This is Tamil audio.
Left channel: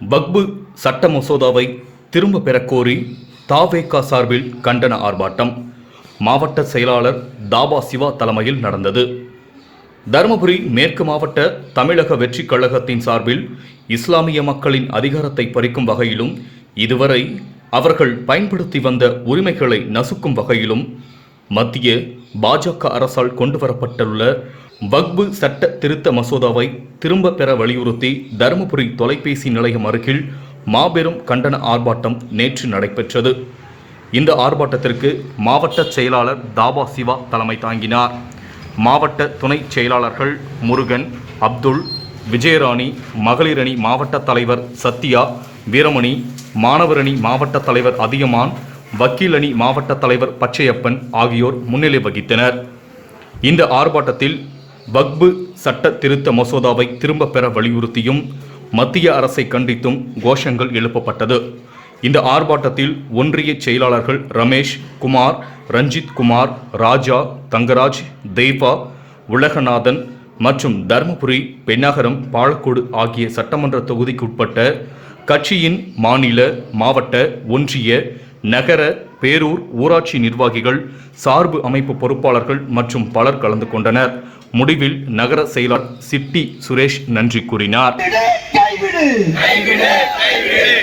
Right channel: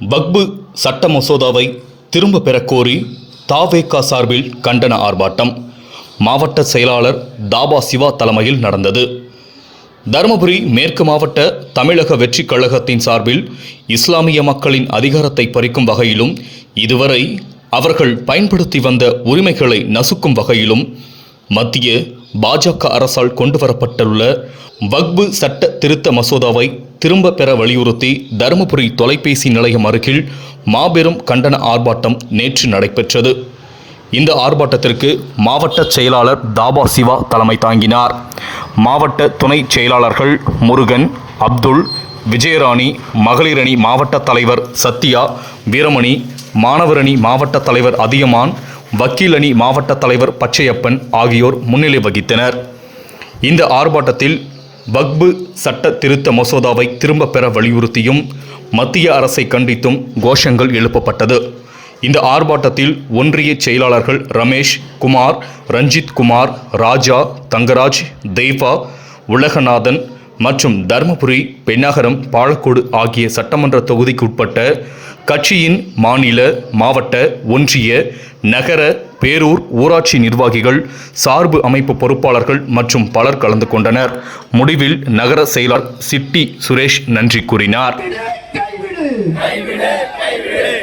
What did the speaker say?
பக்பு சட்ட மசோதாவை திரும்ப பெறக்கோரி தாவேகா சார்பில் கண்டன ஆர்ப்பாட்டம். மாவட்ட செயலாளர் தாபா சிவா தலைமையில் நடந்தது. தருமபுரி மேற்கு மாவட்ட தமிழக வெற்றிக் கழகத்தின் சார்பில் இஸ்லாமிய மக்களின் அதிகாரத்தை பறிக்கும் வகையிலும் இதுவரை அவர்கள் பயன்படுத்தி வந்த உரிமைகளை நசுக்கும் வகையிலும் மத்திய பாஜக அரசால் கொண்டு வரப்பட்டுள்ள வக்பு சட்ட திருத்த மசோதாவை திரும்ப பெற வலியுறுத்தி தருமபுரி தொலைபேசி நிலையம் அருகில் மாபெரும் கண்டன ஆர்ப்பாட்டம் நேற்று நடைபெற்றது. இந்த ஆர்ப்பாட்டத்திற்கு மாவட்ட செயலாளர் தாபா சிவா தலைமை தாங்கினார். மாவட்ட துணை செயலாளர்கள் முருகன் அப்துல் விஜயராணி மகளிரணி மாவட்ட தலைவர் சத்யா வீரமணி மாணவரணி மாவட்ட தலைவர் அதியமான் வக்கீலணி மாவட்ட தலைவர் பச்சையப்பன் ஆகியோர் முன்னிலை வகித்தனர். இந்த ஆர்ப்பாட்டத்தில் வக்பு சட்ட திருத்த மசோதாவை திரும்ப பெற வலியுறுத்தியும் மத்திய அரசை கண்டித்தும் கோஷங்கள் எழுப்பப்பட்டது. இந்த ஆர்ப்பாட்டத்தில் ஒன்றிய செயலாளர்கள் ரமேஷ் குமார் ரஞ்சித் குமார் ராஜா தங்கராஜ் தெய்வா உலகநாதன் மற்றும் தருமபுரி பெண்ணகரம் பாலக்கோடு ஆகிய சட்டமன்ற தொகுதிக்குட்பட்ட கட்சியின் மாநில மாவட்ட ஒன்றிய நகர பேரூர் ஊராட்சி நிர்வாகிகள் சார்பு அமைப்பு பொறுப்பாளர்கள் மற்றும் பலர் கலந்து கொண்டனர். முடிவில் நகர செயலாளர் சிட்டி சுரேஷ் நன்றி கூறினார்.